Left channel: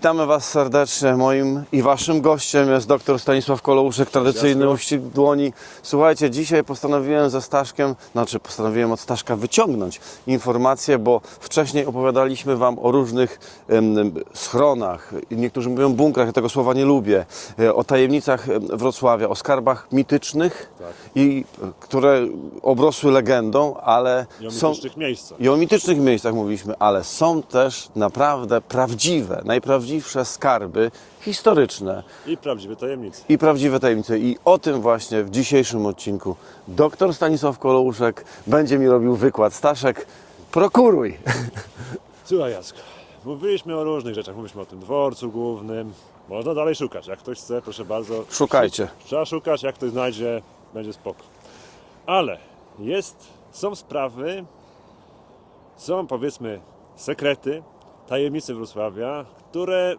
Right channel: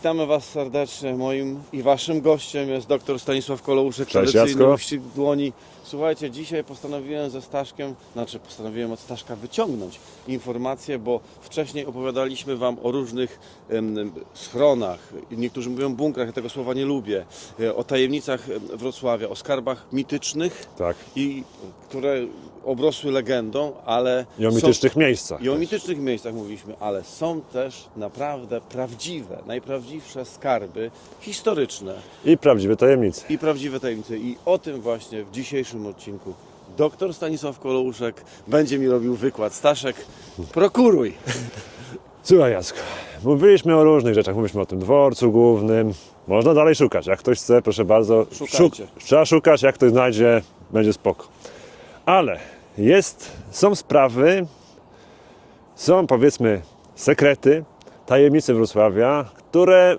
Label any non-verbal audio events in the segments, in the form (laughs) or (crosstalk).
Witamy Was serdecznie. Moim i Waszym gościem jest dr Stanisław Kolouszek, tradycyjny uścisk dłoni. Słuchajcie, dzisiaj postanowiłem ze Staszkiem, znaczy postanowiłem od Staszka wyciągnąć informacje, bo wcześniej opowiadaliśmy Wam o różnych schronach, niektórzy mówią bunkrach, ja tego słowa nie lubię, e, o tajemnicach em, Wrocławia, o skarbach mitycznych, Tak. i, e, które obrosły legendą, ale I o są- mitycznych miejscach. i o mitycznych miejscach mówiliśmy, ale są też naprawdę prawdziwe, najprawdziwsze skarby historyczne I prawdziwe tajemnice. i prawdziwe tajemnice. I o tym właśnie w dzisiejszym odcinku dr Stanisław Kolouszek będzie mi robił wykład. Staszek, prokuruj! (laughs) Słuchaj Jacku, mówiliśmy o różnych rzeczach. Mówiliśmy o tym dworcu głównym. Można dalej szukać. Jak ktoś chce, proszę bardzo. Szukajcie. trzeba szukać, jak ktoś znajdzie, będzie spoko. Ale jest, są sprawy, są powiedzmy sekrety, tajemnice Wrocławia, które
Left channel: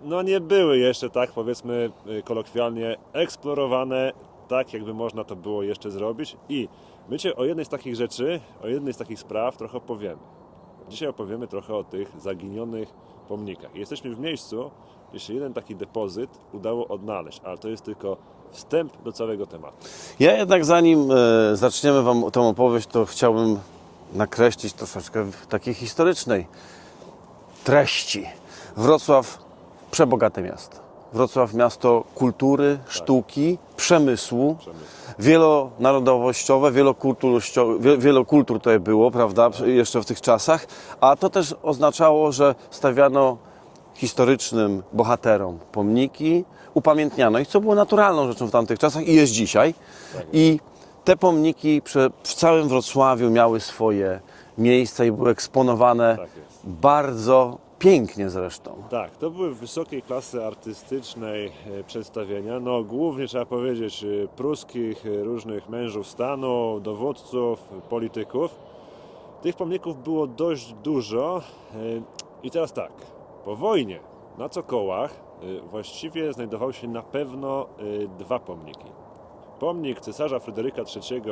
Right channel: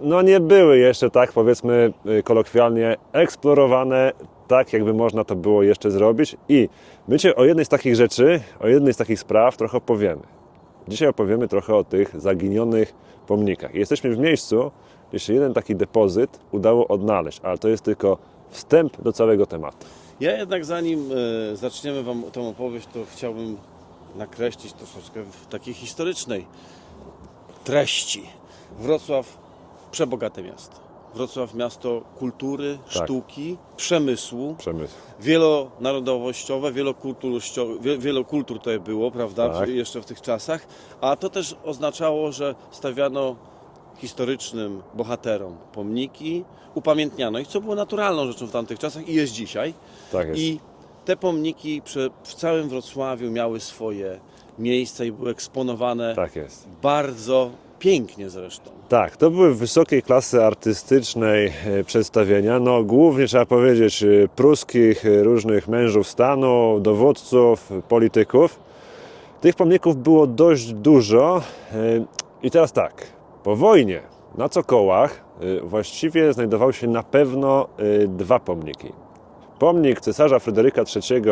no nie były jeszcze tak powiedzmy y, kolokwialnie eksplorowane, tak jakby można to było jeszcze zrobić. I my Cię o jednej z takich rzeczy, o jednej z takich spraw trochę opowiemy. Dzisiaj opowiemy trochę o tych zaginionych pomnikach. Jesteśmy w miejscu, gdzie się jeden taki depozyt udało odnaleźć, ale to jest tylko wstęp do całego tematu. Ja jednak zanim e, zaczniemy Wam tę opowieść, to chciałbym nakreślić troszeczkę takiej historycznej treści. Wrocław przebogate miasto. Wrocław miasto kultury, sztuki, przemysłu. Przemysł. wielonarodowościowe, wielokulturowościowe, wie- wiele kultur tutaj było, prawda, Tak. jeszcze w tych czasach, a to też oznaczało, że stawiano historycznym bohaterom pomniki, upamiętniano ich, co było naturalną rzeczą w tamtych czasach i jest dzisiaj. Tak jest. I te pomniki w całym Wrocławiu miały swoje miejsca i były eksponowane Tak jest. bardzo pięknie zresztą. Tak, to były wysokiej klasy artystycznej e, przedstawienia. No, głównie trzeba powiedzieć e, pruskich e, różnych mężów stanu, dowódców, polityków. Tych pomników było dość dużo. I teraz tak, po wojnie na Cokołach właściwie znajdowały się na pewno dwa pomniki. Pomnik cesarza Fryderyka III,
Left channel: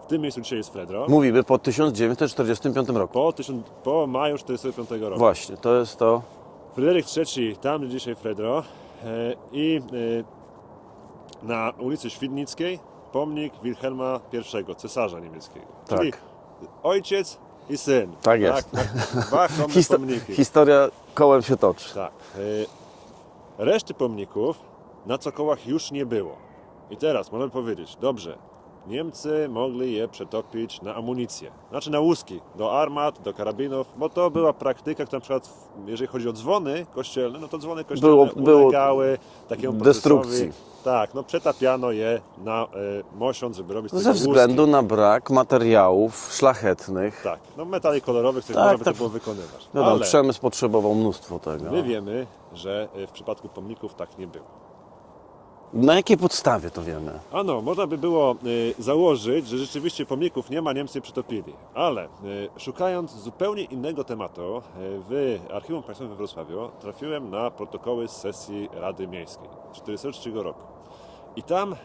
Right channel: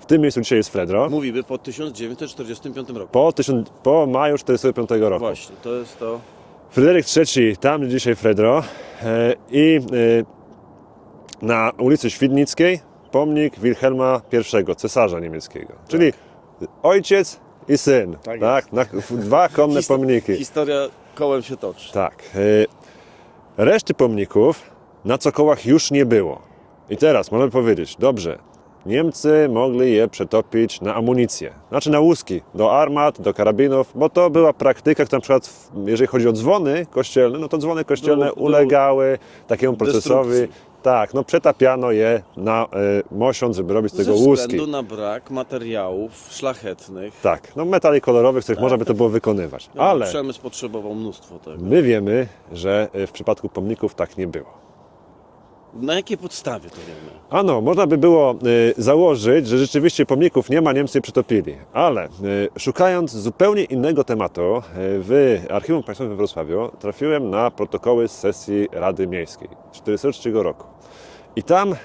w tym miejscu dzisiaj jest Fredro, Mówimy po 1945 roku. po, tysiąc, po maju 1945 roku. Właśnie, to jest to. Fryderyk III, tam gdzie dzisiaj Fredro e, i e, na ulicy Świdnickiej pomnik Wilhelma I, cesarza niemieckiego. Czyli ojciec i syn. Tak jest. Na, dwa (laughs) Histo- pomniki. Historia kołem się toczy. Tak. e, Reszty pomników na cokołach już nie było. I teraz możemy powiedzieć, dobrze, Niemcy mogli je przetopić na amunicję, znaczy na łuski, do armat, do karabinów, bo to była praktyka, która na przykład, w- jeżeli chodzi o dzwony kościelne, no to dzwony kościelne Było- było ulegały takiemu procesowi. Tak, no przetapiano je na y, mosiąc, żeby robić z Ze tego łuski. względu na brak materiałów szlachetnych. Tak, no metali kolorowych, z których Tak, można by to- to było wykonywać. No, Ale Przemysł potrzebował mnóstwo tego. my wiemy, że y, w przypadku pomników tak nie było. Na jakiej podstawie to wiemy? Ano, można by było y, założyć, że rzeczywiście pomników nie ma, Niemcy przytopili. Ale y, szukając zupełnie innego tematu, y, w Archiwum Państwowym we Wrocławiu trafiłem na protokoły z sesji Rady Miejskiej z 1943 roku. I tam y,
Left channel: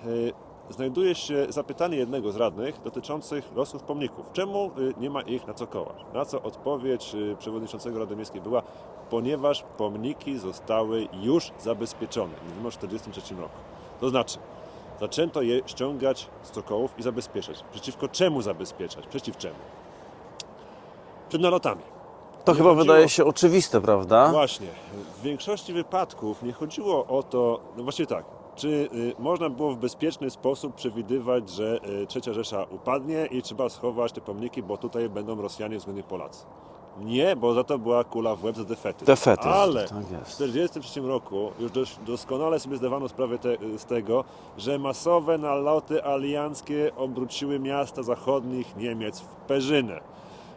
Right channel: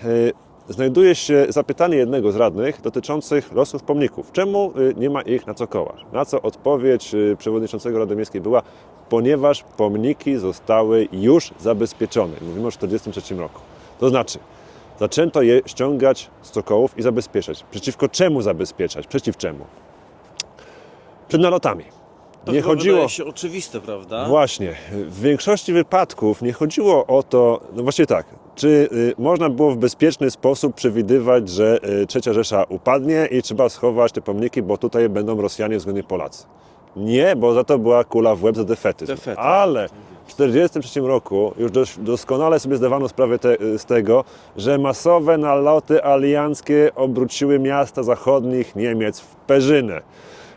znajduje się zapytanie jednego z radnych dotyczących losów pomników. Czemu y, nie ma ich na cokołach? Na co odpowiedź y, przewodniczącego Rady Miejskiej była, ponieważ pomniki zostały już zabezpieczone. Mówimy o 1943 roku. To znaczy, zaczęto je ściągać z cokołów i zabezpieczać. Przeciwko czemu zabezpieczać? Przeciw czemu? Przed nalotami. To Nie chyba chodziło- wydaje się oczywiste, prawda? Właśnie. W większości wypadków nie chodziło o to, no właściwie tak, czy y, można było w bezpieczny sposób przewidywać, że y, Trzecia Rzesza upadnie i trzeba schować te pomniki, bo tutaj będą Rosjanie względnie Polacy. Nie, bo za to była kula w łeb za. Defetyzm, Ale tak w jest. 1943 roku już doskonale sobie zdawano sprawę te, z tego, że masowe naloty alianckie obróciły miasta zachodnich Niemiec w perzynę.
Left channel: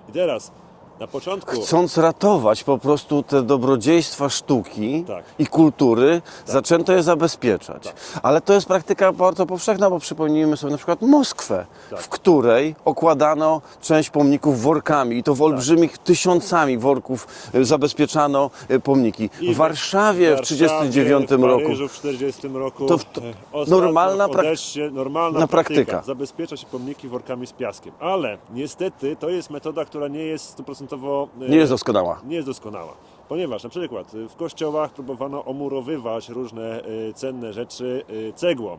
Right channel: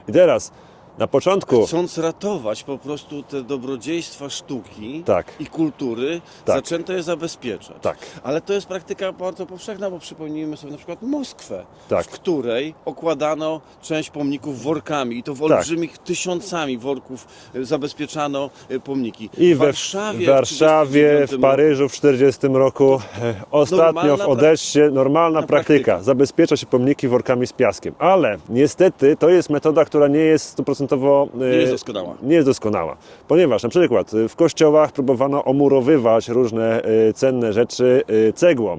I teraz, na początku... Chcąc ratować po prostu te dobrodziejstwa sztuki Tak. i kultury, Tak. zaczęto je zabezpieczać. Tak. Ale to jest praktyka bardzo powszechna, bo przypomnijmy sobie na przykład Moskwę, Tak. w której okładano część pomników workami i to w olbrzymich tysiącami worków e, zabezpieczano e, pomniki. I w Warszawie w w, Warszawie, 1939 w Paryżu roku. w 40 roku. To w- e, Ostatnio normalna w Odessie normalna na praktyka. praktyka. Zabezpiecza się pomniki workami z piaskiem. Ale niestety to jest metoda, która nie jest 100% stuprocentowo e, Nie jest doskonała. Nie jest doskonała, ponieważ na przykład e, w kościołach próbowano omurowywać różne e, cenne rzeczy cegłą.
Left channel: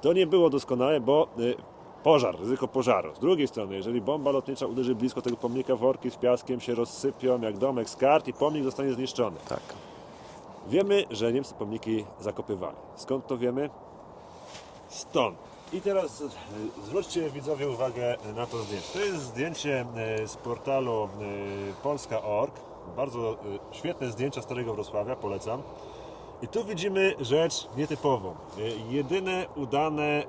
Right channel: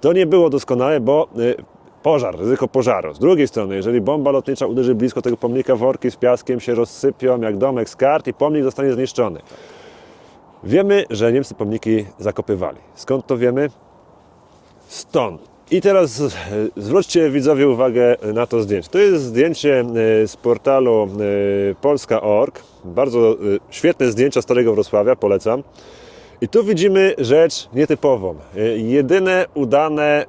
To nie było doskonałe, bo pożar, ryzyko pożaru. Z drugiej strony, jeżeli bomba lotnicza uderzy blisko tego pomnika, worki z piaskiem się rozsypią jak domek z kart i pomnik zostanie zniszczony. Wiemy, że Niemcy pomniki zakopywali. Skąd to wiemy? Stąd. I teraz zwróćcie widzowie uwagę na to zdjęcie. To jest zdjęcie e, z portalu e, polska.org. Bardzo e, świetne zdjęcia Starego Wrocławia, polecam. I tu widzimy rzecz nietypową. Jedyne udane,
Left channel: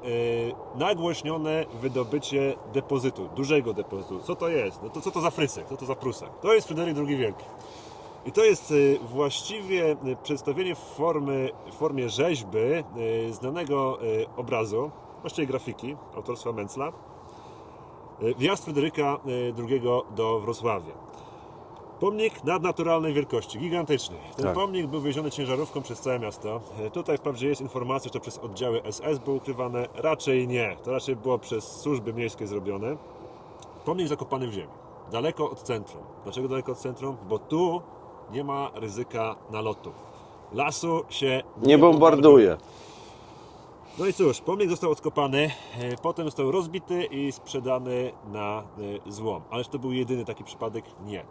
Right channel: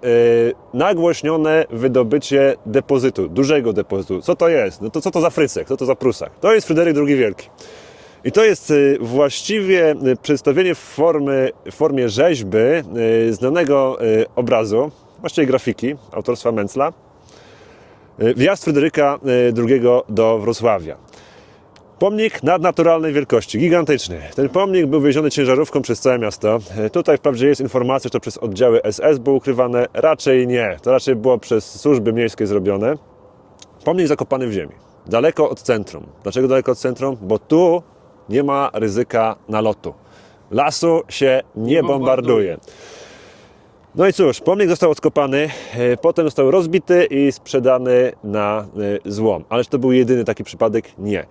nagłośnione wydobycie depozytu, dużego depozytu. Co to jest? No to co to za Frycek? Co to za Prusak? To jest Fryderyk II Wielki. I to jest właściwie przedstawienie w, formy, w formie rzeźby znanego obrazu, właściwie grafiki autorstwa Mencla. Y, Wjazd Fryderyka y, II do Wrocławia. Pomnik nadnaturalnej wielkości, gigantyczny. Ten pomnik był wieziony ciężarówką przez całe miasto. Y, Tutaj wprawdzie jest informacja, że to przez oddziały SS było ukrywane. Raczej nie. To raczej było przez służby miejskie zrobione. Pomnik zakopany w ziemi, daleko od centrum. Dlaczego daleko od centrum? Bo tu nie ma ryzyka nalotu. Lasu się nie, Nie bombarduje. bombarduje. No i cóż, pomnik został odkopany, e, potem został rozbity i sprzedany na e, złom. Ależ to był jedyny taki przypadek? Nie.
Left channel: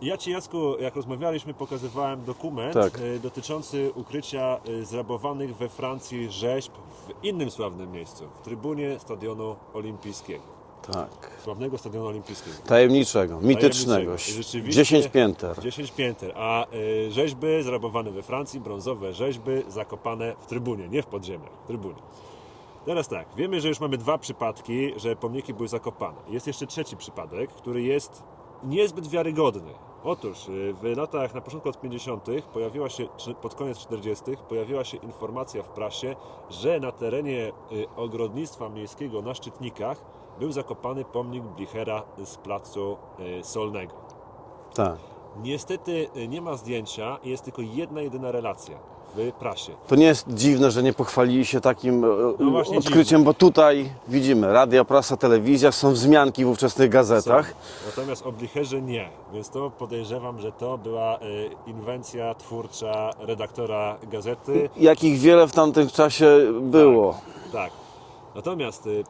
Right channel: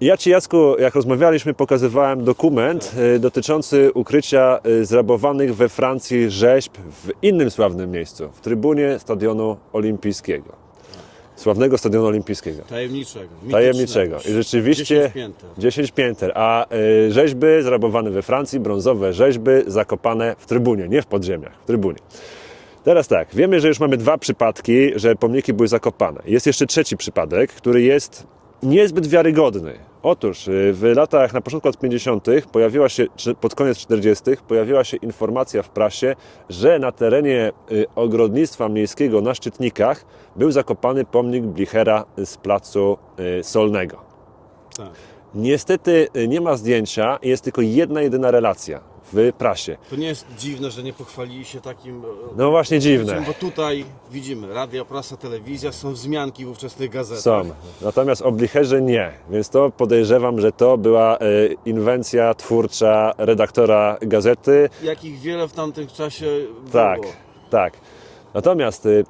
Ja Ci, Jacku, jak rozmawialiśmy, pokazywałem dokument Tak. e, dotyczący ukrycia zrabowanych we Francji rzeźb w innym sławnym miejscu, w trybunie Stadionu Olimpijskiego. Tak. Sławnego Stadionu Olimpijskiego. Tajemniczego, Tajemniczego. mitycznego. I rzeczywiście 10 pięter. 10 pięter, a y, rzeźby zrabowane we Francji, brązowe rzeźby zakopane w trybunie, nie w podziemiach, w trybunie. Teraz tak, wiemy, że już mamy dwa przypadki, że pomniki były zakopane. Jest jeszcze trzeci przypadek, który jest niezbyt wiarygodny. Otóż y, w latach, na początku lat 50., pojawiła się, czy pod koniec 40., pojawiła się informacja w prasie, że na terenie y, ogrodnictwa miejskiego na Szczytnikach był zakopany pomnik Blichera z placu y, Solnego. Tak. Niestety nie ma zdjęcia, jest tylko jedna jedyna relacja w prasie. To nie jest dziwne, że nie pochwalili się takim e, No właśnie odkryciem, dziwne. bo tutaj widzimy, radia, prasa, telewizja, są wzmianki w ówczesnych Są. gazetach. Natomiast o Blicherze nie, więc to podejrzewam, że to była e, inwencja twórcza redaktora gazety. Jakich wiele w tamtym czasie było. Tak, tak. Natomiast y,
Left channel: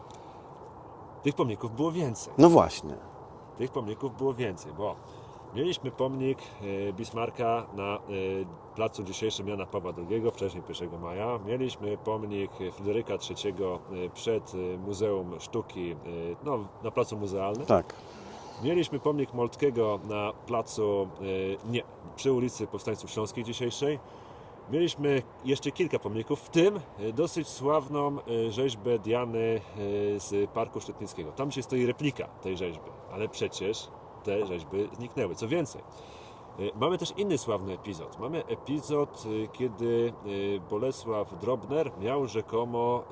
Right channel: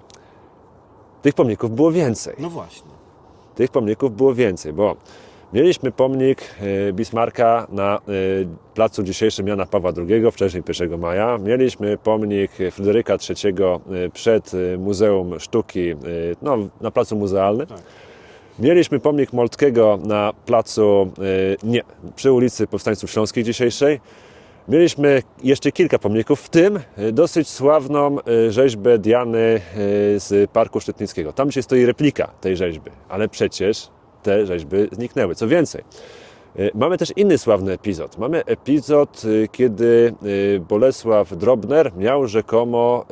tych pomników było więcej. No właśnie. Tych pomników było więcej, bo mieliśmy pomnik y, Bismarcka na y, placu dzisiejszym Jana Pawła II, wcześniej 1 maja. Mieliśmy pomnik Fryderyka III y, przed Muzeum Sztuki, no, na placu muzealnym. Tak. Mieliśmy pomnik Moltkiego na placu, nie, przy ulicy Powstańców Śląskich dzisiejszej. Mieliśmy jeszcze kilka pomników, w tym dosyć sławną rzeźbę Diany z Parku Szczytnickiego. Tam gdzie stoi replika tej rzeźby, ale przecież te rzeźby zniknęły. Co więcej, y, mamy też inny sławny epizod. Mamy epizod, y, kiedy y, Bolesław Drobner miał rzekomo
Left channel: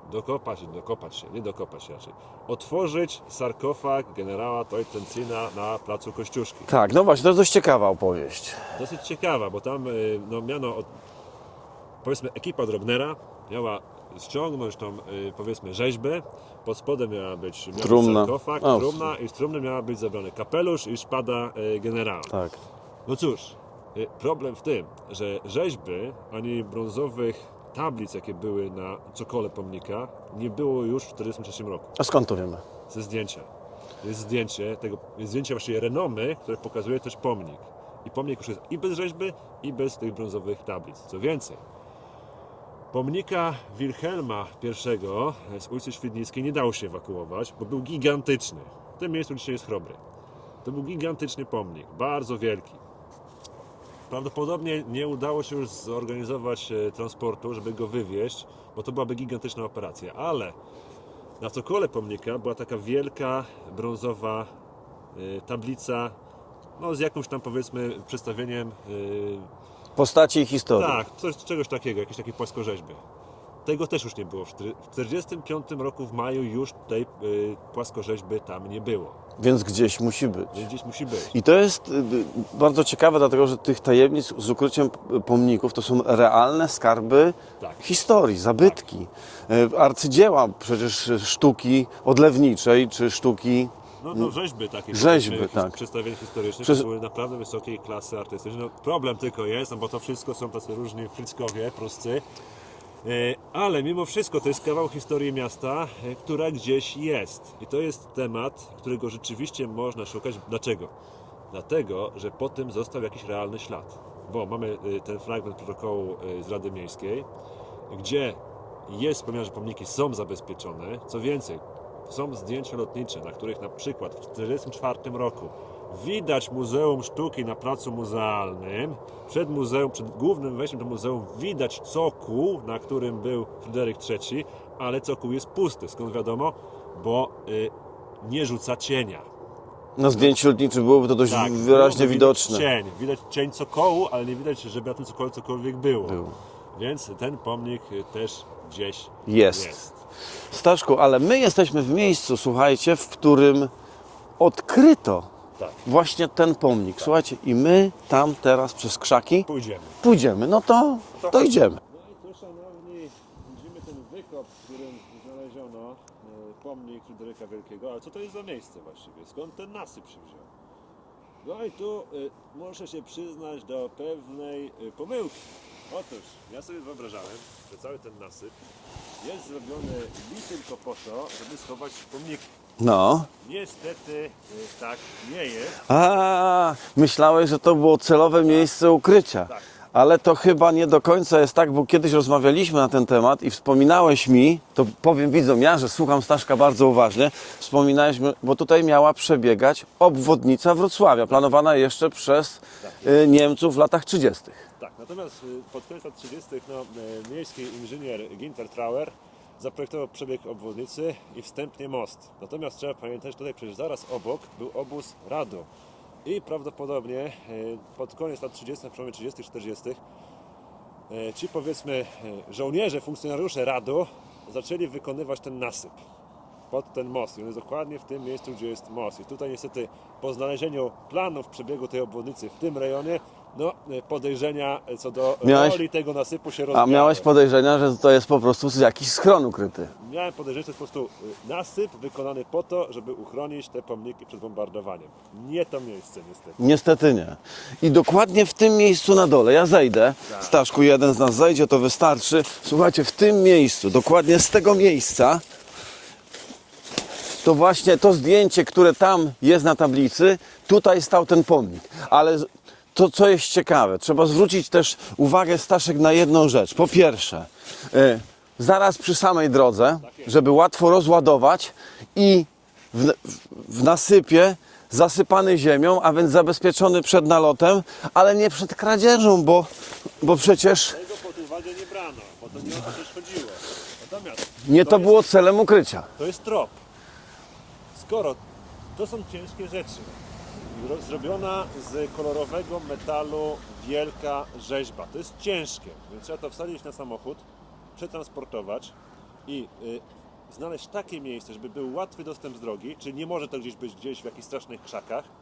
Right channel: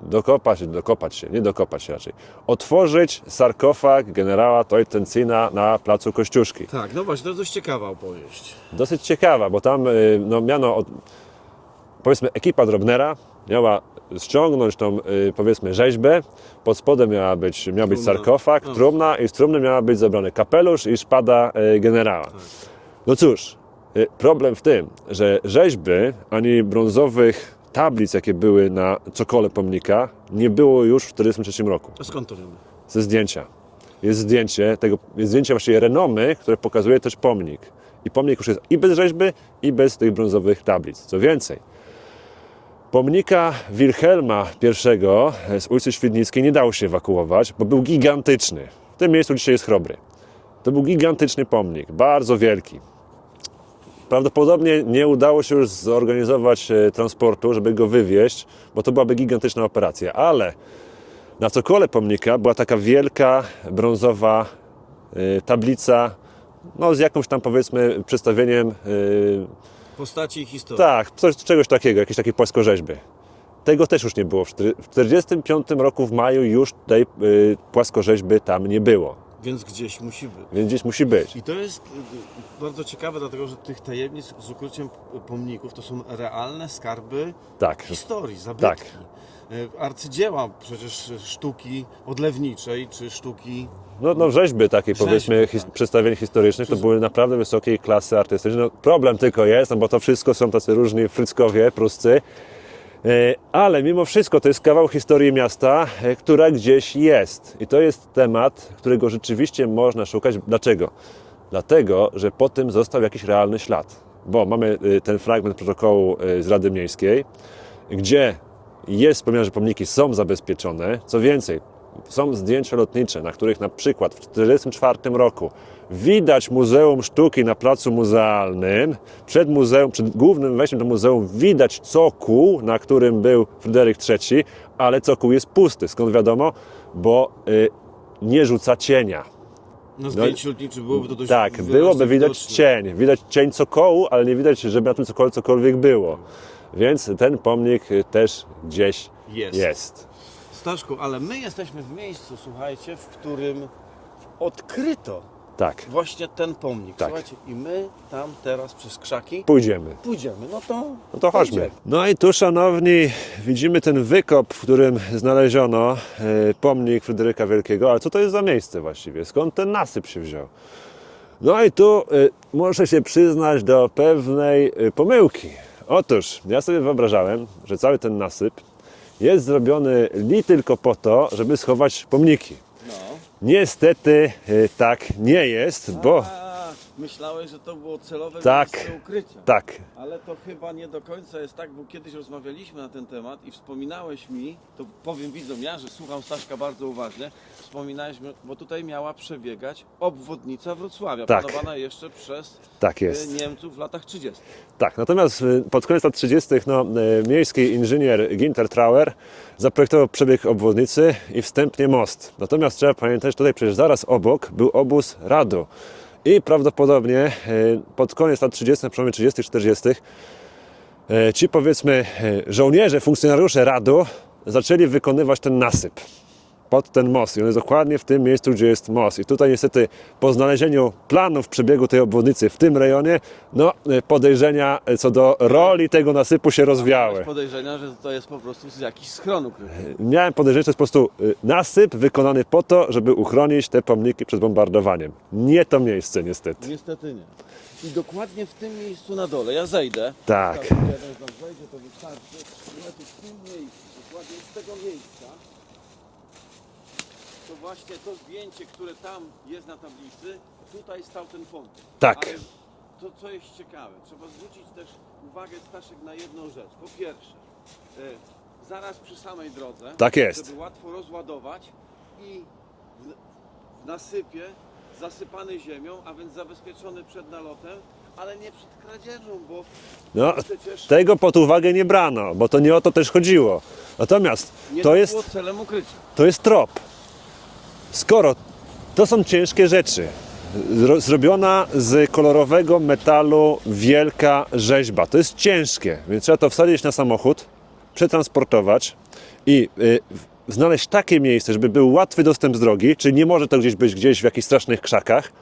dokopać, dokopać się, nie dokopać się raczej, otworzyć sarkofag generała Teutoncina na placu Kościuszki. Tak, no właśnie, to dość ciekawa opowieść. Dosyć ciekawa, bo tam no, miano, powiedzmy, ekipa Drobnera miała ściągnąć tą, y, powiedzmy, rzeźbę. Pod spodem miała być, miał być Trumna. sarkofag, O. trumna i z trumny miała być zabrany kapelusz i szpada y, generała. Tak. No cóż, y, problem w tym, że rzeźby ani brązowych tablic, jakie były na cokole pomnika, nie było już w 1943 roku A skąd to wiemy? ze zdjęcia. Jest zdjęcie tego, jest zdjęcie właściwie renomy, które pokazuje też pomnik. I pomnik już jest i bez rzeźby, i bez tych brązowych tablic. Co więcej, pomnika Wilhelma I z ulicy Świdnickiej nie dało się ewakuować, bo był gigantyczny. W tym miejscu dzisiaj jest Chrobry. To był gigantyczny pomnik, bardzo wielki. Prawdopodobnie nie udało się już zorganizować e, transportu, żeby go wywieźć, bo to byłaby gigantyczna operacja, ale na cokole pomnika była taka wielka brązowa y, tablica, no z jakimś tam powiedzmy przedstawieniem, y, Postaci i historii. tak, coś, czegoś takiego, jakieś takie płaskorzeźby. Tego też już nie było. W 1945 roku w maju już tej y, płaskorzeźby tam nie było, Więc gdzieś musi być. więc gdzieś musi być. I to jest y, y, bardzo ciekawe, dlatego że tych tajemnic z ukryciem pomników to są realne skarby Tak. historii, zabytki. Y, Arcydzieła przecież sztuki odlewniczej czy sztuki no, no rzeźby takie, Rzeźby, powiedzmy, his, tak. przedstawień historycznych, to Przecież- były naprawdę wysokiej klasy artystyczne. No, problem tylko jest, no bo to wszystko są tacy różni fryckowie, pruscy, E, ale mimo wszystko to jest kawał historii miasta, e, która gdzieś jest. I to jest temat, którego rzeczywiście można szukać. Dlaczego? Dlatego, że po tym został jakiś realny ślad. Bo mamy e, ten fragment protokołu z Rady Miejskiej, gdzie jest wspomniane, że pomniki są zabezpieczone. Co więcej, są zdjęcia lotnicze, na których na przykład w 1944 roku widać Muzeum Sztuki na placu muzealnym. Przed muzeum, przed głównym wejściem do muzeum widać cokół, na którym był Fryderyk III, ale cokół jest pusty. Skąd wiadomo? Bo y, nie rzuca cienia. Na zdjęciu lotniczym byłoby to dość Tak, wyraźnie byłoby widać widoczne. cień. Widać cień cokołu, ale nie widać, żeby na tym cokole cokolwiek było. Więc ten pomnik y, też gdzieś Jest. jest. Staszku, ale my jesteśmy w miejscu, słuchajcie, w którym odkryto Tak, właśnie ten pomnik. Słuchajcie, i my tam teraz przez krzaki pójdziemy. pójdziemy. No to, No to, chodźmy. idziemy. No i tu, szanowni, widzimy ten wykop, w którym znaleziono e, pomnik Fryderyka Wielkiego. Ale co to jest za miejsce właściwie? Skąd ten nasyp się wziął? No i tu e, muszę się przyznać do pewnej e, pomyłki. Otóż ja sobie wyobrażałem, że cały ten nasyp jest zrobiony li tylko po to, żeby schować pomniki. No. Niestety e, tak nie jest, bo A, myślałeś, że to było celowe Tak. miejsce ukrycia. tak, Ale to chyba nie do końca jest tak, bo kiedyś rozmawialiśmy na ten temat i wspominałeś mi, to powiem widzom ja, że słucham Staszka bardzo uważnie, wspominałeś mi, bo tutaj miała przebiegać obwodnica Wrocławia, planowana jeszcze przez Tak jest. y, Niemców w latach 30. Tak, natomiast y, pod koniec lat 30. No, y, miejski inżynier Ginter Trauer zaprojektował przebieg obwodnicy i wstępnie most. Natomiast trzeba pamiętać, tutaj przecież zaraz obok był obóz Radu. I prawdopodobnie y, pod koniec lat 30., na przełomie 30. 40. y, ci powiedzmy żołnierze, funkcjonariusze Radu zaczęli wykonywać ten nasyp pod ten most. I on jest dokładnie w tym miejscu, gdzie jest most. I tutaj niestety po znalezieniu planów przebiegu tej obwodnicy w tym rejonie, no y, podejrzenia co do Miałeś- roli tego nasypu się A rozwiały. miałeś podejrzenia, że to jest po prostu jakiś schron ukryty. Miałem podejrzenie, że to jest po prostu nasyp wykonany po to, żeby uchronić te pomniki przed bombardowaniem. Nie to miejsce niestety. Niestety nie. I dokładnie w tym miejscu na dole, ja zejdę, Tak. Staszku, jeden z nas zejdzie, to wystarczy. Słuchajcie, w tym miejscu, dokładnie z tego miejsca, to właśnie to zdjęcie, które tam jest na tablicy, tutaj stał ten pomnik. Tak. Ale to, co jest ciekawe, trzeba zwrócić też uwagę, Staszek, na jedną rzecz. Po pierwsze, y, zaraz przy samej drodze, Tak jest. żeby łatwo rozładować i w, w nasypie zasypany ziemią, a więc zabezpieczony przed nalotem, ale nie przed kradzieżą, bo, No, bo przecież Tego pod uwagę nie brano, bo to nie o to też chodziło. Natomiast nie to, jest, było celem ukrycia. to jest trop. Skoro to są ciężkie rzeczy, zro- zrobiona z kolorowego metalu wielka rzeźba, to jest ciężkie, więc trzeba to wsadzić na samochód, przetransportować i y, znaleźć takie miejsce, żeby był łatwy dostęp z drogi, czyli nie może to gdzieś być gdzieś w jakichś strasznych krzakach,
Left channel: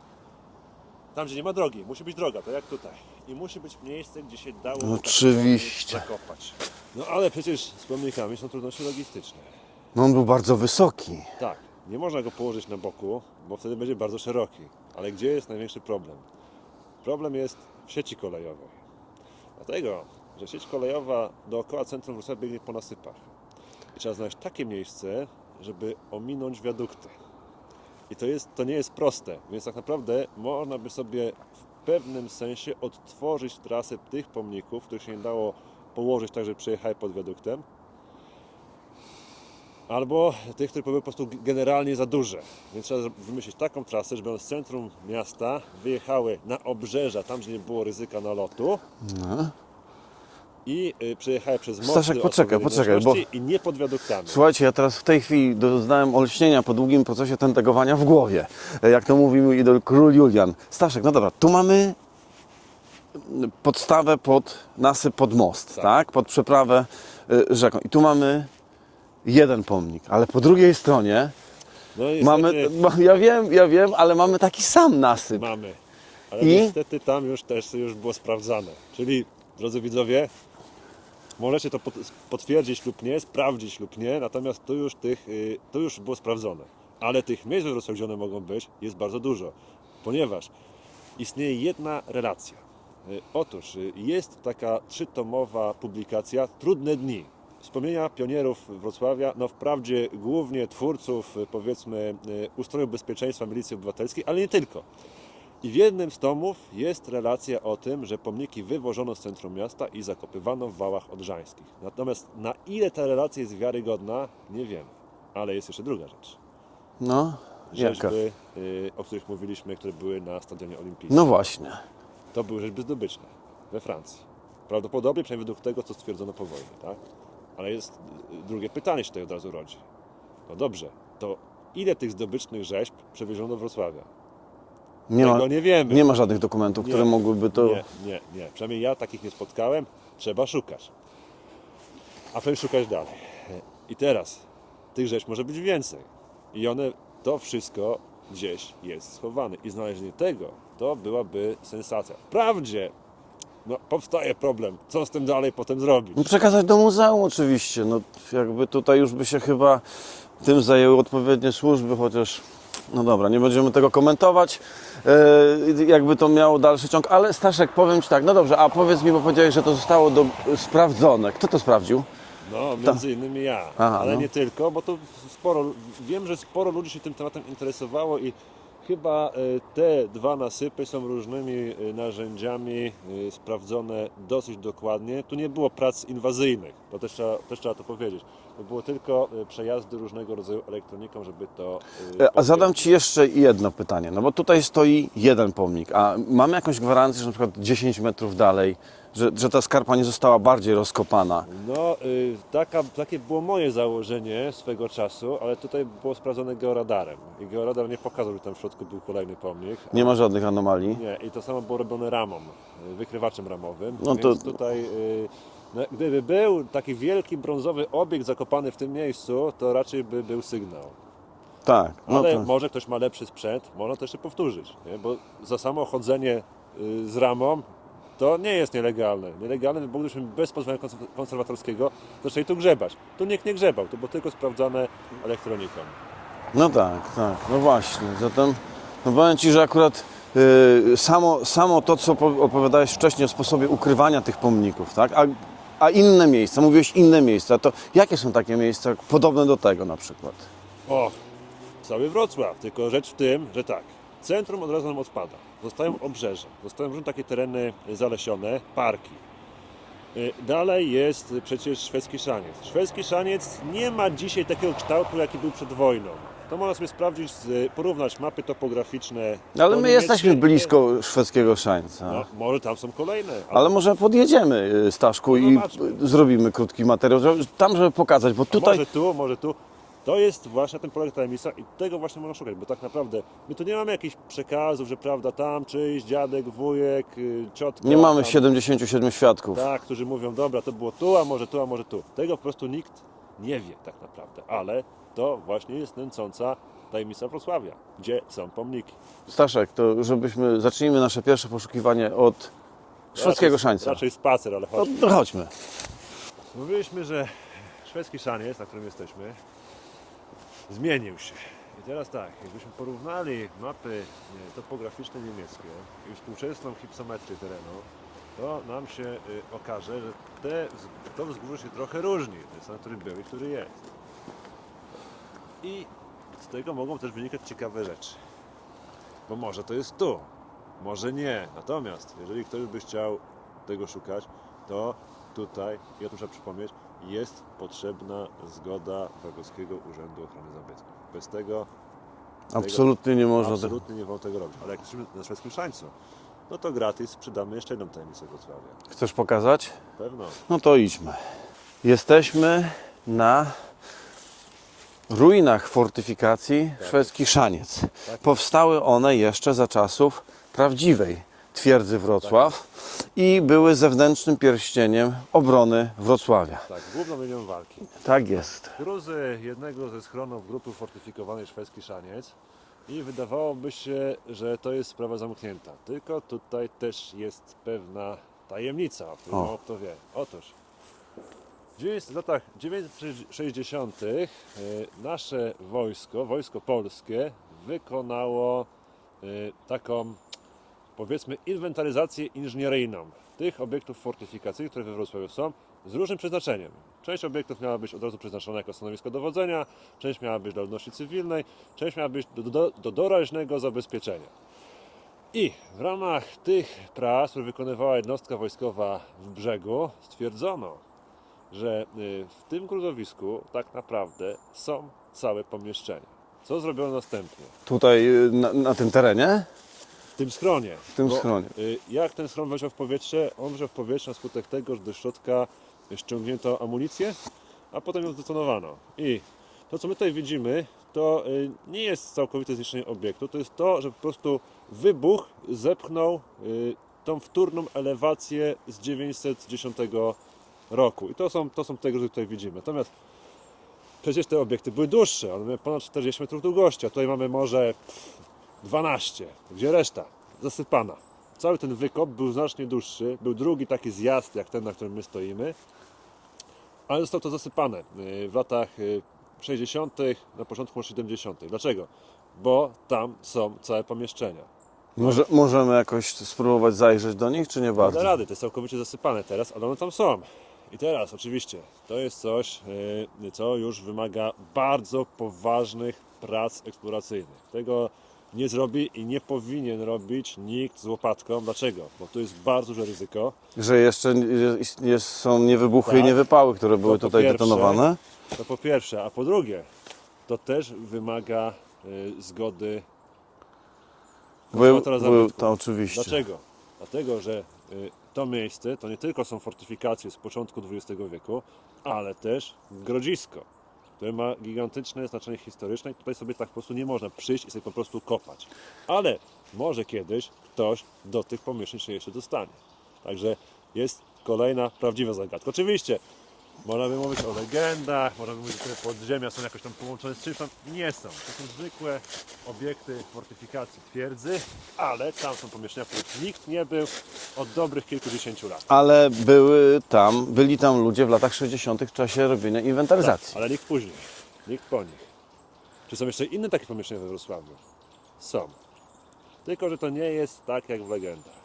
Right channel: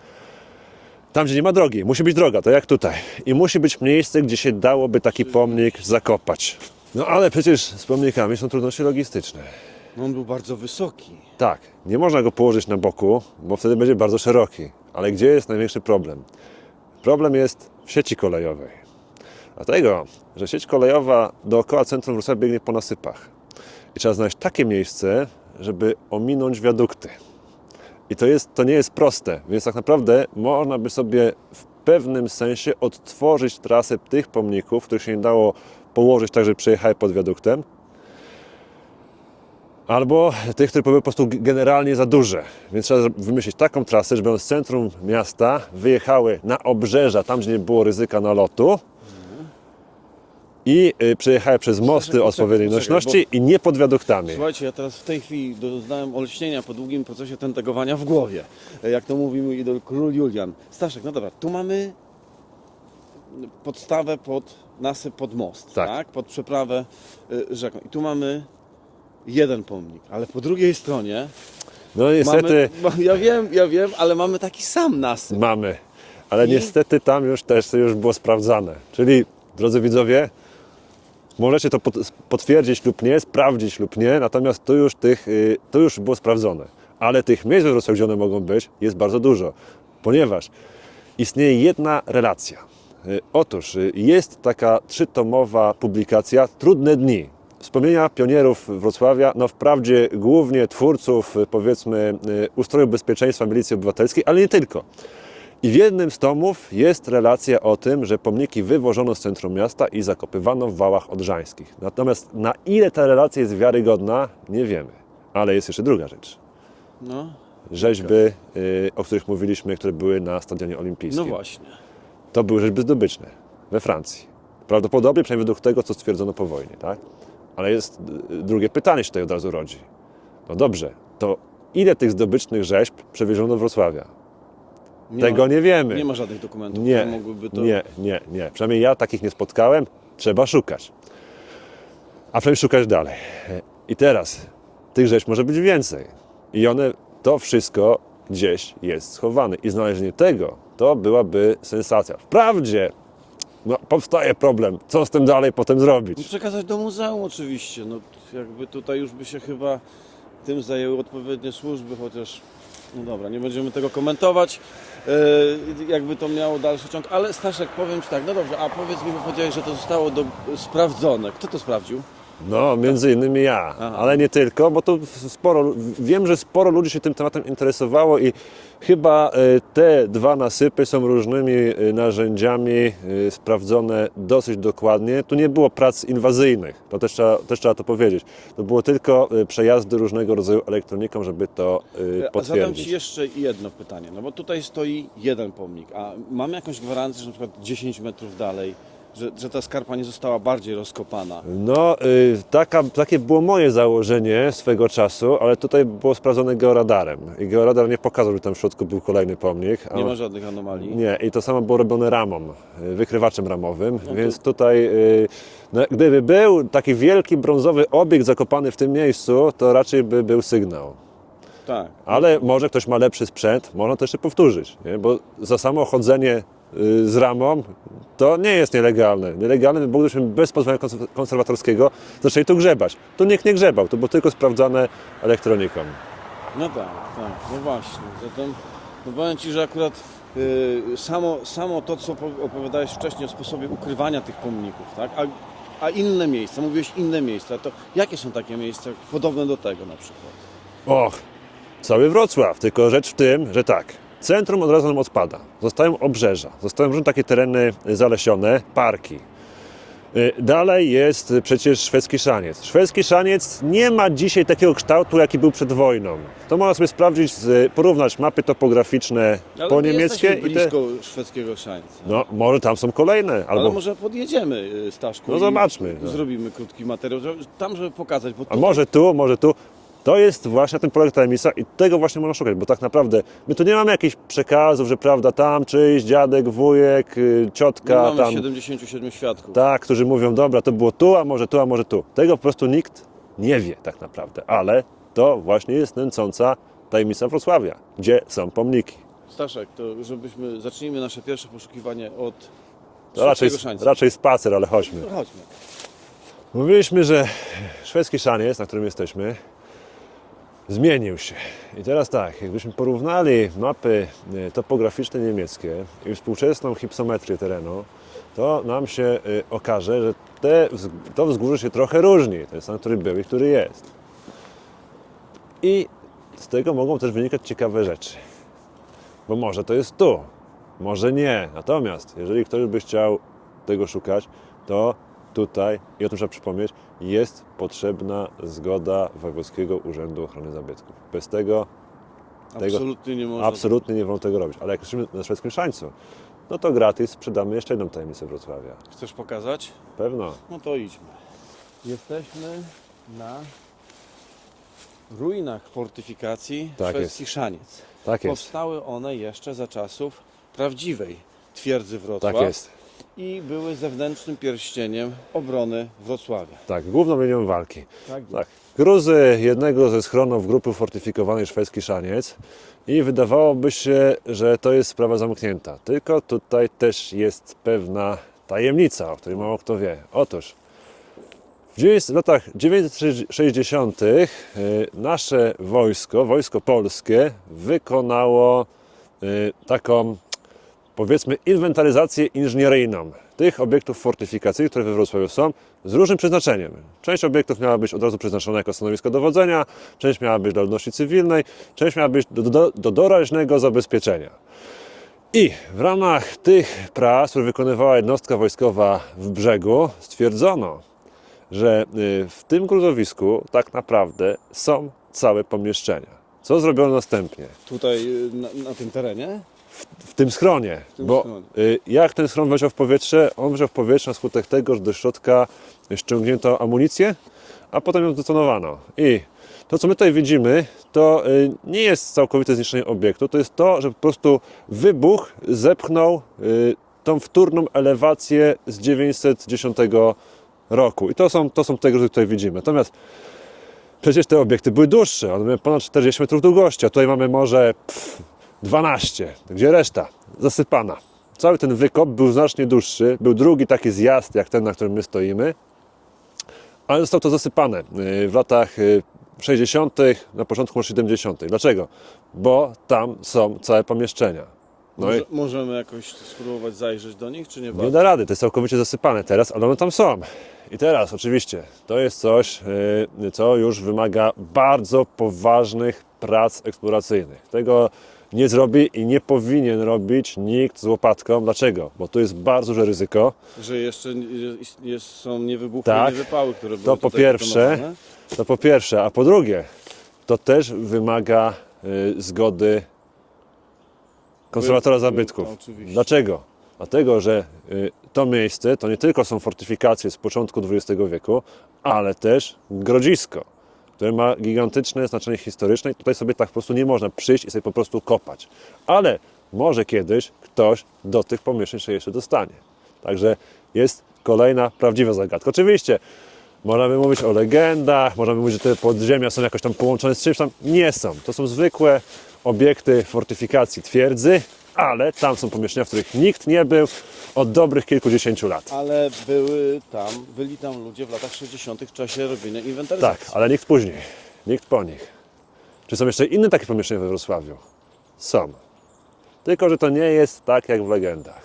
tam, gdzie nie ma drogi. Musi być droga, to jak tutaj. I musi być miejsce, gdzie się dałoby taki Oczywiście. pomnik zakopać. No ale przecież z pomnikami są trudności logistyczne. No on był bardzo wysoki. Tak, nie można go położyć na boku, bo wtedy będzie bardzo szeroki. Ale gdzie jest największy problem? Problem jest w sieci kolejowej. Dlatego, że sieć kolejowa dookoła centrum Wrocławia biegnie po nasypach. I trzeba znaleźć takie miejsce, żeby ominąć wiadukty. I to, jest, to nie jest proste, więc tak naprawdę można by sobie w pewnym sensie odtworzyć trasę tych pomników, których się nie dało położyć tak, żeby przejechały pod wiaduktem, Albo tych, które były po prostu generalnie za duże. Więc trzeba wymyślić taką trasę, żeby one z centrum miasta wyjechały na obrzeża, tam gdzie nie było ryzyka nalotu. I y, przejechały przez mosty Staszek, o poczekaj, odpowiedniej poczekaj, nośności i nie pod wiaduktami. Słuchajcie, ja teraz w tej chwili doznałem olśnienia po długim procesie tentegowania w głowie. Jak to mówił mój idol król Julian. Staszek, no dobra, tu mamy podstawę pod nasyp pod most, tak? Tak. Pod przeprawę y, rzeką. I tu mamy jeden pomnik, ale po drugiej stronie No niestety mamy, ma- ja wiem, ja wiem, ale mamy taki sam nasyp. mamy. Ale I? niestety tam już też to już było sprawdzane. Czyli, drodzy widzowie, możecie to pot- potwierdzić lub nie, sprawdzić lub nie, natomiast to już, tych, y, to już było sprawdzone. Ale tych miejsc Wrocławiu, gdzie one mogą być, jest bardzo dużo, ponieważ istnieje jedna relacja. Y, Otóż y, jest taka trzytomowa publikacja Trudne dni. Wspomnienia pionierów Wrocławia, no wprawdzie głównie twórców, y, powiedzmy, y, ustroju bezpieczeństwa milicji obywatelskiej, ale nie tylko. I w jednym z tomów jest relacja o tym, że pomniki wywożono z centrum miasta i zakopywano w wałach odrzańskich. Natomiast na ile ta relacja jest wiarygodna, nie wiemy. Ale jest jeszcze druga rzecz. No, Rzeźby, y, o których mówiliśmy, które były na Stadionie Olimpijskim. No właśnie. To były rzeźby zdobyczne we Francji. Prawdopodobnie, przynajmniej według tego, co stwierdzono po wojnie, tak? Ale jest y, drugie pytanie się tutaj od razu rodzi. No dobrze, to ile tych zdobycznych rzeźb przewieziono do Wrocławia? Nie tego ma, nie wiemy. Nie ma żadnych dokumentów, które mogłyby to... Nie, nie, nie. Przynajmniej ja takich nie spotkałem. Trzeba szukać. A przynajmniej szukać dalej. I teraz tych rzeczy może być więcej. I one, to wszystko gdzieś jest schowane. I znalezienie tego to byłaby sensacja. Wprawdzie no, powstaje problem, co z tym dalej potem zrobić. No Przekazać do muzeum oczywiście. No, jakby tutaj już by się chyba tym zajęły odpowiednie służby, chociaż no dobra, nie będziemy tego komentować. E, jakby to miało dalszy ciąg, ale Staszek, powiem Ci tak, no dobrze, a powiedz mi, bo powiedziałeś, że to zostało do, sprawdzone. Kto to sprawdził? No, między innymi ja, Aha, ale no. nie tylko, bo to sporo, wiem, że sporo ludzi się tym tematem interesowało i chyba e, te dwa nasypy są różnymi e, narzędziami e, sprawdzone dosyć dokładnie. Tu nie było prac inwazyjnych, to też trzeba, też trzeba to powiedzieć. To było tylko przejazdy różnego rodzaju elektroniką, żeby to A zadam. Ci jeszcze jedno pytanie, no bo tutaj stoi jeden pomnik, a mamy jakąś gwarancję, że na przykład 10 metrów dalej, że, że ta skarpa nie została bardziej rozkopana. No, y, taka, takie było moje założenie swego czasu, ale tutaj było sprawdzone georadarem. I georadar nie pokazał, że tam w środku był kolejny pomnik. a- Nie ma żadnych anomalii. Nie, i to samo było robione ramą, y, wykrywaczem ramowym, No to- więc tutaj y, no, gdyby był taki wielki brązowy obiekt zakopany w tym miejscu, to raczej by był sygnał. Tak. no Ale to- może ktoś ma lepszy sprzęt, można to jeszcze powtórzyć, nie? bo za samo chodzenie y, z ramą to nie jest nielegalne. Nielegalne by było, gdybyśmy bez pozwolenia konser- konserwatorskiego zaczęli tu grzebać. Tu nikt nie grzebał, to było tylko sprawdzane elektroniką. No tak, tak, no właśnie. Zatem no powiem Ci, że akurat y, samo, samo to, co po- opowiadałeś wcześniej o sposobie ukrywania tych pomników, tak? A, a inne miejsca, mówiłeś inne miejsca, to jakie są takie miejsca podobne do tego na przykład? Och, cały Wrocław, tylko rzecz w tym, że tak, centrum od razu nam odpada. Zostają obrzeża, zostają różne takie tereny zalesione, parki. Y, Dalej jest y, przecież szwedzki szaniec. Szwedzki szaniec nie ma dzisiaj takiego kształtu, jaki był przed wojną. To można sobie sprawdzić, z- porównać mapy topograficzne Ale po my niemieckie jesteśmy i te- blisko szwedzkiego szańca. No, może tam są kolejne. Albo, Ale może podjedziemy, y, Staszku, No i zrobimy krótki materiał, żeby- tam, żeby pokazać, bo A tutaj... może tu, może tu. To jest właśnie tym polega tajemnica i tego właśnie można szukać, bo tak naprawdę my tu nie mamy jakichś przekazów, że prawda, tam czyjś dziadek, wujek, y, ciotka, Nie mamy tam, 77 świadków. tak, którzy mówią, dobra, to było tu, a może tu, a może tu. Tego po prostu nikt nie wie tak naprawdę, ale to właśnie jest nęcąca tajemnica Wrocławia, gdzie są pomniki. Staszek, to żebyśmy, zacznijmy nasze pierwsze poszukiwanie od szwedzkiego szańca. raczej spacer, ale chodźmy. To chodźmy. Mówiliśmy, że szwedzki szaniec, na którym jesteśmy, zmienił się. I teraz tak, jakbyśmy porównali mapy e, topograficzne niemieckie i współczesną hipsometrię terenu, to nam się e, okaże, że te, to wzgórze się trochę różni, ten sam, który był i który jest. I z tego mogą też wynikać ciekawe rzeczy. Bo może to jest tu, może nie. Natomiast jeżeli ktoś by chciał tego szukać, to tutaj, i o tym trzeba przypomnieć, jest potrzebna zgoda Wojewódzkiego Urzędu Ochrony Zabytków. Bez tego Absolutnie nie można. absolutnie nie wolno tego robić. Ale jak jesteśmy na szwedzkim szańcu, no to gratis sprzedamy jeszcze jedną tajemnicę Wrocławia. Chcesz pokazać? Pewno. No to idźmy. Jesteśmy na ruinach fortyfikacji Tak szwedzki Szaniec. Tak jest. Powstały one jeszcze za czasów prawdziwej twierdzy Wrocław Tak jest. i były zewnętrznym pierścieniem obrony Wrocławia. Tak, główną linią walki. Tak jest. Gruzy jednego ze schronów grupy fortyfikowanej szwedzki szaniec i wydawałoby się, że to jest sprawa zamknięta. Tylko tutaj też jest pewna tajemnica, o której mało kto wie. Otóż w latach 960. y, nasze wojsko, wojsko polskie, wykonało y, taką, powiedzmy, inwentaryzację inżynieryjną tych obiektów fortyfikacyjnych, które we Wrocławiu są, z różnym przeznaczeniem. Część obiektów miała być od razu przeznaczona jako stanowisko dowodzenia, część miała być dla ludności cywilnej, część miała być do, do, do doraźnego zabezpieczenia. I w ramach tych prac, które wykonywała jednostka wojskowa w brzegu, stwierdzono, że y, w tym gruzowisku tak naprawdę są całe pomieszczenia. Co zrobiono następnie? Tutaj y, na, na tym terenie? W tym schronie. W tym bo, schronie. y, Jak ten schron wleciał w powietrze? On wleciał w powietrze na skutek tego, że do środka ściągnięto amunicję, a potem ją zdetonowano. I to, co my tutaj widzimy, to y, nie jest całkowite zniszczenie obiektu, to jest to, że po prostu wybuch zepchnął y, tą wtórną elewację z 910 roku. I to są, to są te, które tutaj widzimy. Natomiast przecież te obiekty były dłuższe, one miały ponad 40 metrów długości, a tutaj mamy może pff, 12, gdzie reszta zasypana. Cały ten wykop był znacznie dłuższy, był drugi taki zjazd jak ten, na którym my stoimy, ale zostało to zasypane y, w latach y, 60., na początku lat 70. Dlaczego? Bo tam są całe pomieszczenia. No Może, i możemy jakoś spróbować zajrzeć do nich, czy nie nie bardzo? da rady, to jest całkowicie zasypane teraz, ale one tam są. I teraz oczywiście to jest coś, y, co już wymaga bardzo poważnych prac eksploracyjnych. Tego nie zrobi i nie powinien robić nikt z łopatką. Dlaczego? Bo tu jest bardzo duże ryzyko. Że jeszcze jest, są niewybuchy Tak. i niewypały, które były po tutaj pierwsze. detonowane? To po pierwsze, a po drugie, to też wymaga y, zgody konserwatora zabytków. to oczywiście. Dlaczego? Dlatego, że y, to miejsce to nie tylko są fortyfikacje z początku XX wieku, ale też grodzisko, które ma gigantyczne znaczenie historyczne i tutaj sobie tak po prostu nie można przyjść i sobie po prostu kopać. Ale może kiedyś ktoś do tych pomieszczeń się jeszcze dostanie. Także jest kolejna prawdziwa zagadka. Oczywiście możemy mówić o legendach, możemy mówić, że te podziemia są jakoś tam połączone z czymś tam. Nie są. To są zwykłe obiekty fortyfikacji twierdzy, ale tam są pomieszczenia, w których nikt nie był od dobrych kilkudziesięciu lat. Ale były tam, byli tam ludzie w latach 60. w czasie robienia Tak, inwentaryzacji. ale nikt później, nikt po nich. Czy są jeszcze inne takie pomieszczenia we Wrocławiu? Są. Tylko, że to nie jest tak jak w legendach.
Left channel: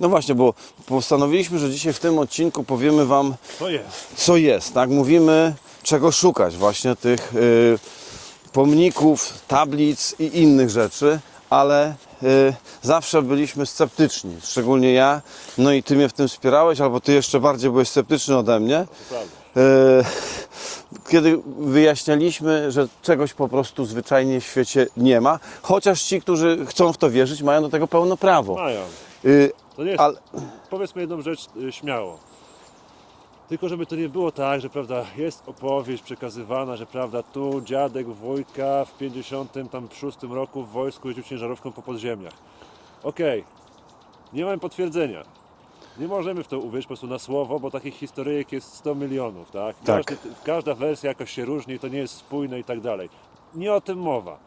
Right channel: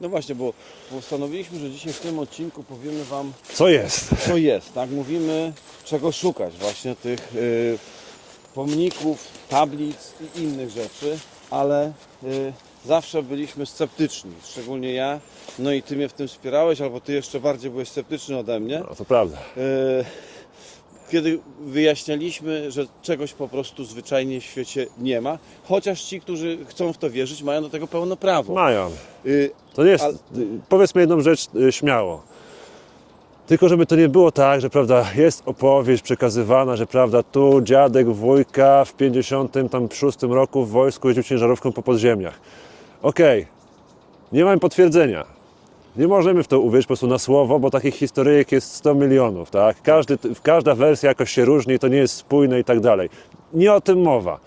No właśnie, bo postanowiliśmy, że dzisiaj w tym odcinku powiemy Wam, Co jest? co jest, tak? Mówimy, czego szukać, właśnie tych y, pomników, tablic i innych rzeczy, ale y, zawsze byliśmy sceptyczni, szczególnie ja. No i Ty mnie w tym wspierałeś, albo Ty jeszcze bardziej byłeś sceptyczny ode mnie. No, to prawda. Y, kiedy wyjaśnialiśmy, że czegoś po prostu zwyczajnie w świecie nie ma, chociaż ci, którzy chcą w to wierzyć, mają do tego pełno prawo. Mają. Y, To nie jest. Ale- Powiedzmy jedną rzecz y, śmiało. Tylko żeby to nie było tak, że prawda, jest opowieść przekazywana, że prawda, tu dziadek wujka w 56 roku w wojsku jeździł ciężarówką po podziemiach. Okej, nie mamy potwierdzenia. Nie możemy w to uwierzyć po prostu na słowo, bo takich historyjek jest 100 milionów, tak? Każdy, Każda wersja jakoś się różni, to nie jest spójne i tak dalej. Nie o tym mowa.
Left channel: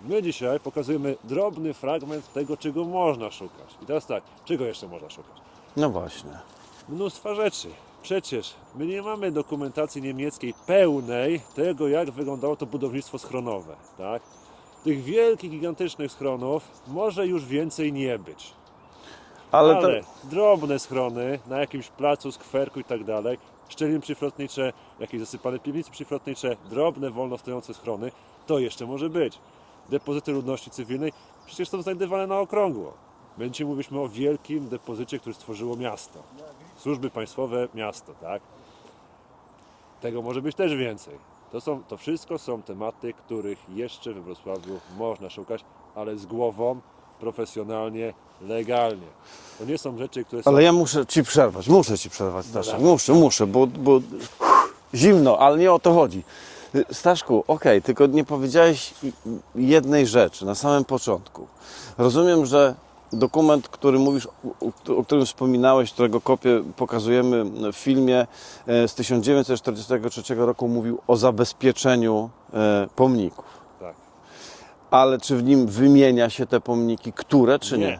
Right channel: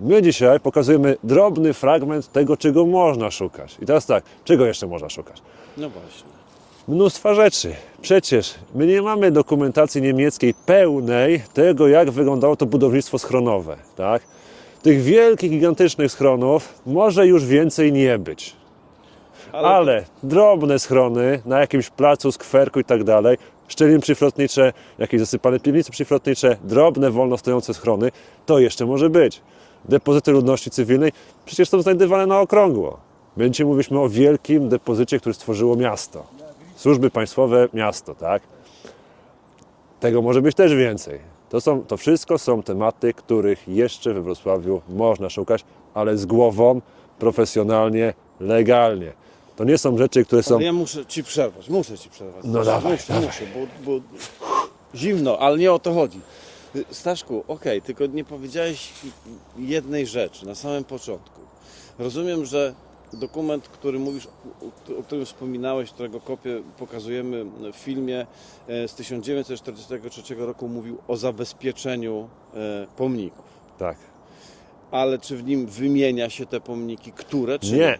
My dzisiaj pokazujemy drobny fragment tego, czego można szukać. I teraz tak, czego jeszcze można szukać? no właśnie. Mnóstwa rzeczy. Przecież my nie mamy dokumentacji niemieckiej pełnej tego, jak wyglądało to budownictwo schronowe. Tak? Tych wielkich, gigantycznych schronów może już więcej nie być. Ale, Ale, to- drobne schrony na jakimś placu, skwerku i tak dalej, szczeliny przyflotnicze, jakieś zasypane piwnice przyflotnicze, drobne, wolno stojące schrony, to jeszcze może być. Depozyty ludności cywilnej przecież są znajdywane na okrągło. Dzisiaj mówiliśmy o wielkim depozycie, który stworzyło miasto. Służby państwowe, miasto, tak? Tego może być też więcej. To, są, to wszystko są tematy, których jeszcze we Wrocławiu można szukać, ale z głową, profesjonalnie, legalnie. To nie są rzeczy, które są... Ale ja muszę Ci przerwać, muszę Ci przerwać. No Staszku. dawaj, muszę, muszę, bo, bo zimno, ale nie o to chodzi. Staszku, okej, tylko nie powiedziałeś jednej rzeczy na samym początku. Rozumiem, że dokument, który mówisz, o- którym wspominałeś, którego kopię pokazujemy w filmie e, z 1943 roku, mówił o zabezpieczeniu e, pomników. Tak. Ale czy w nim wymienia się te pomniki, które, czy nie? Nie.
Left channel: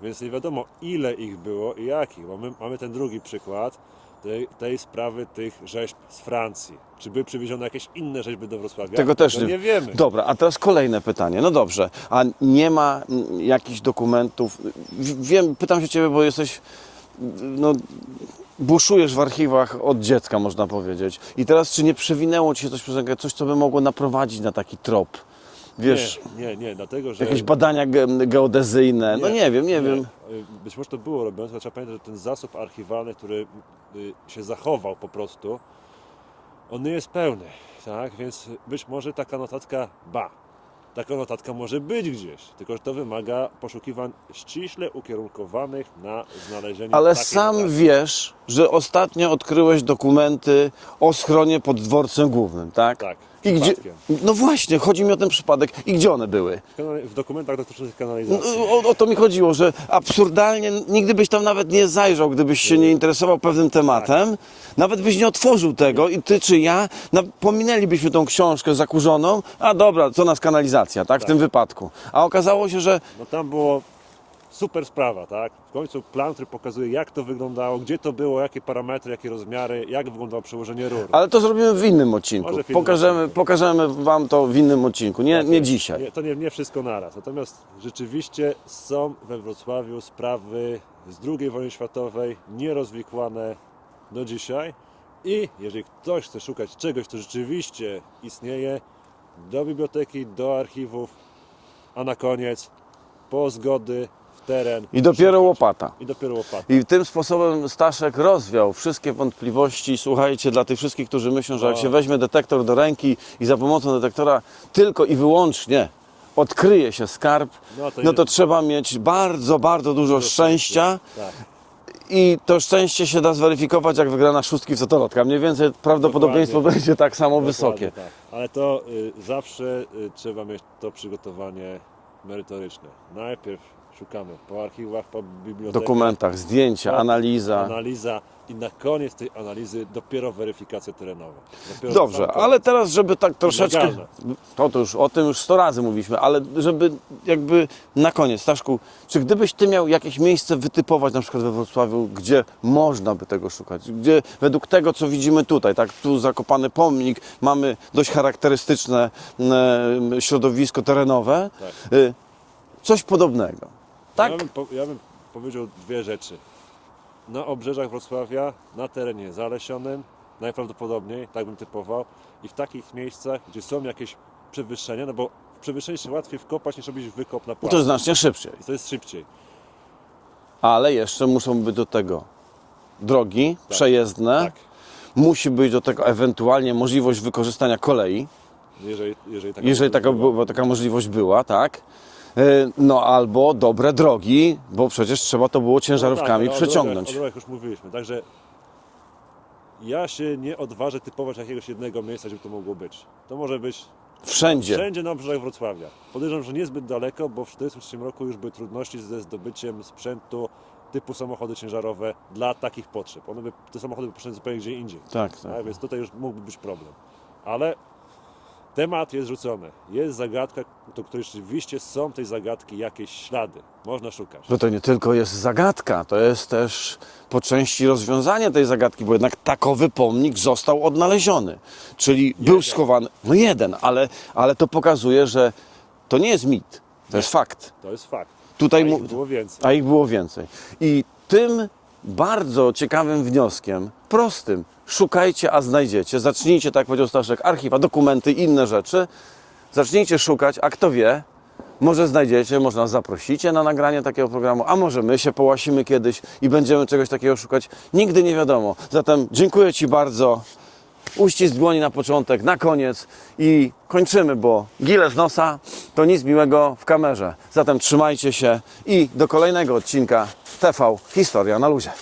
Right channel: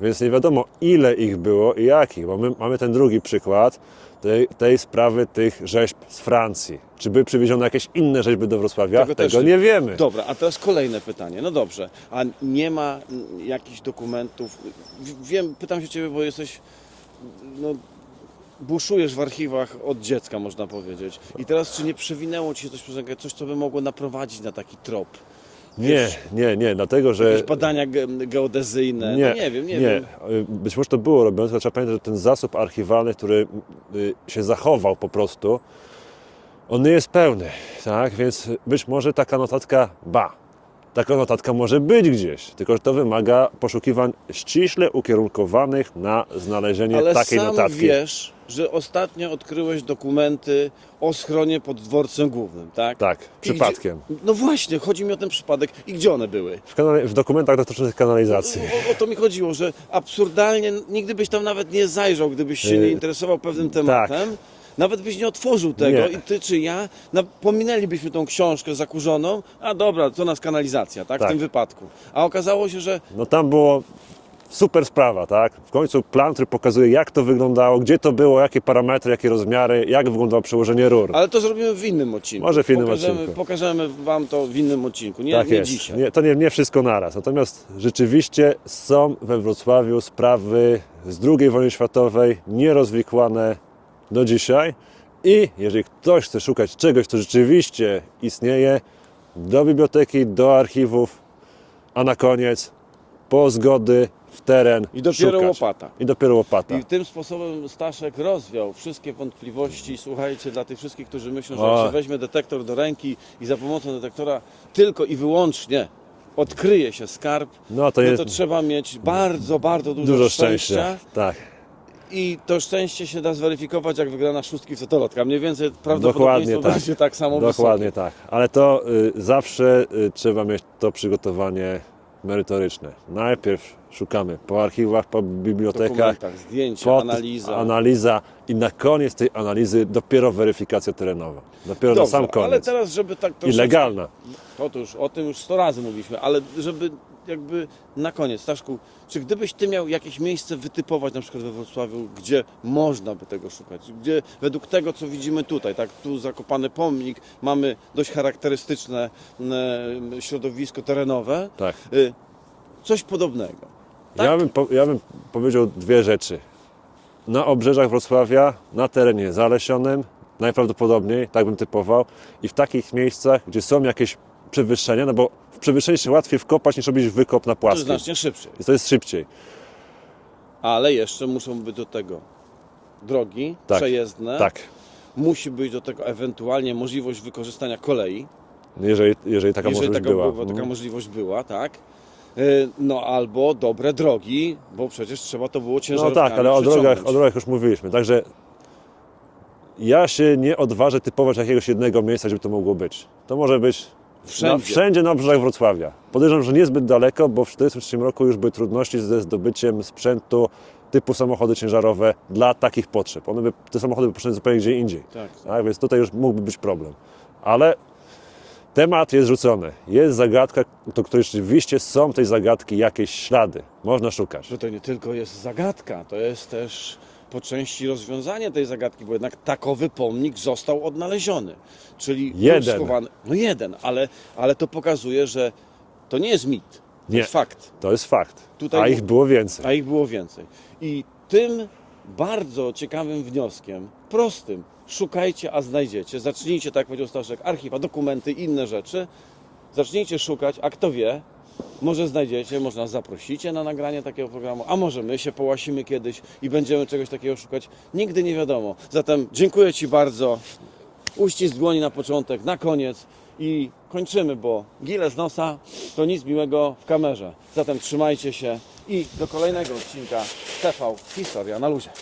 Więc nie wiadomo, ile ich było i jakich, bo my mamy ten drugi przykład. Tej, tej sprawy tych rzeźb z Francji. Czy były przywiezione jakieś inne rzeźby do Wrocławia? Tego też nie wiemy. Dobra, a teraz kolejne pytanie. No dobrze, a nie ma jakichś dokumentów? Wiem, pytam się Ciebie, bo jesteś, no, buszujesz w archiwach od dziecka, można powiedzieć. I teraz, czy nie przewinęło Ci się coś, przez coś co by mogło naprowadzić na taki trop? Wiesz, Nie, nie, nie, dlatego że... jakieś badania ge- geodezyjne? no nie wiem, nie, wiem. Być może to było robione, tylko trzeba pamiętać, że ten zasób archiwalny, który y, się zachował po prostu, on nie jest pełny, tak? Więc być może taka notatka, ba, taka notatka może być gdzieś, tylko że to wymaga poszukiwań ściśle ukierunkowanych na znalezienie Ale takiej sam notatki. wiesz, że ostatnio odkryłeś dokumenty o schronie pod dworcem głównym, tak? Tak, I gdzie- przypadkiem. No właśnie, chodzi mi o ten przypadek. I gdzie one były? W, w dokumentach dotyczących kanalizacji. O, o to mi chodziło, że absurdalnie nigdy byś tam nawet nie zajrzał, gdybyś się nie interesował pewnym tematem. Nawet byś nie otworzył tego Nie. i ty czy ja pominęlibyśmy tą książkę zakurzoną, a dobra, co nas kanalizacja, tak? W Tak. tym wypadku. A okazało się, że No tam było super sprawa, tak? W końcu plan, który pokazuje, jak to wyglądało, gdzie to było, jakie parametry, jakie rozmiary, jak wyglądało przełożenie rur. Ale to zrobimy w innym odcinku. Może w innym pokażemy, odcinku. pokażemy Wam to w innym odcinku, nie, Tak nie jest. dzisiaj. Nie, to nie, nie wszystko naraz. Natomiast rzeczywiście są we Wrocławiu sprawy z II wojny światowej nierozwikłane do dzisiaj. I jeżeli ktoś chce szukać czegoś, co rzeczywiście istnieje, do biblioteki, do archiwów, a na koniec po zgody w teren. I dopiero szukać. łopata. I dopiero łopata. I tym sposobem Staszek rozwiał wszystkie wątpliwości. Słuchajcie, dla tych wszystkich, którzy myślą, że jak O. się weźmie detektor do ręki i za pomocą detektora tylko i wyłącznie odkryje się skarb, No, no to to, jest- trzeba mieć bardzo, bardzo dużo, szczęścia. Tak. I to szczęście się da zweryfikować, jak wygrana szóstki w Zotolotka. Mniej więcej prawdopodobieństwo tak. będzie tak samo Dokładnie wysokie. tak. Ale to y, zawsze y, trzeba mieć to przygotowanie merytoryczne. Najpierw szukamy po archiwach, po bibliotekach. dokumentach, zdjęcia, po- analiza. Analiza i na koniec tej analizy dopiero weryfikacja terenowa. Dopiero na sam Dobrze, koniec. ale teraz, żeby tak troszeczkę... legalna. To, to już, o tym już sto razy mówiliśmy, ale żeby jakby na koniec, Staszku, czy gdybyś Ty miał jakieś miejsce wytypować na przykład we Wrocławiu, gdzie można by tego szukać, gdzie według tego, co widzimy tutaj, tak, tu zakopany pomnik, mamy dość charakterystyczne e, środowisko terenowe, Tak. e, coś podobnego. Tak? Ja, bym, po- ja bym powiedział dwie rzeczy. Na obrzeżach Wrocławia, na terenie zalesionym, najprawdopodobniej, tak bym typował, i w takich miejscach, gdzie są jakieś przewyższenia, no bo w przewyższenie się łatwiej wkopać niż robić wykop na To płaskim. znacznie szybciej. To jest szybciej. Ale jeszcze muszą być do tego drogi Tak. przejezdne. Tak. Musi być do tego ewentualnie możliwość wykorzystania kolei, Jeżeli, jeżeli taka jeżeli możliwość taka, była. była, taka możliwość była, tak. E, No albo dobre drogi, bo przecież trzeba to było No ciężarówkami tak, ale o drogach, przeciągnąć. o drogach już mówiliśmy. Także ja się nie odważę typować jakiegoś jednego miejsca, żeby to mogło być. To może być Wszędzie. Na, wszędzie na obrzeżach Wrocławia. Podejrzewam, że niezbyt daleko, bo w 1943 roku już były trudności ze zdobyciem sprzętu typu samochody ciężarowe dla takich potrzeb. One by, te samochody by poszły zupełnie gdzie indziej. Tak. Tak, więc tutaj już mógłby być problem. Ale temat jest rzucony. Jest zagadka, do której rzeczywiście są tej zagadki jakieś ślady. Można szukać. Że to nie tylko jest zagadka, to jest też po części rozwiązanie tej zagadki, bo jednak takowy pomnik został odnaleziony. Czyli był Jeden. schowany. No jeden, ale, ale to pokazuje, że to nie jest mit, to Nie. jest fakt. To jest fakt. Tutaj A ich było więcej. A ich było więcej. I tym bardzo ciekawym wnioskiem, prostym, szukajcie, a znajdziecie. Zacznijcie, tak jak powiedział Staszek, archiwa, dokumenty, inne rzeczy. Zacznijcie szukać, a kto wie, może znajdziecie, może nas zaprosicie na nagranie takiego programu, a może my się połasimy kiedyś i będziemy czegoś takiego szukać. Nigdy nie wiadomo. Zatem dziękuję Ci bardzo. Uścisk dłoni na początek, na koniec i kończymy, bo gile z nosa to nic miłego w kamerze. Zatem trzymajcie się i do kolejnego odcinka TV Historia na luzie.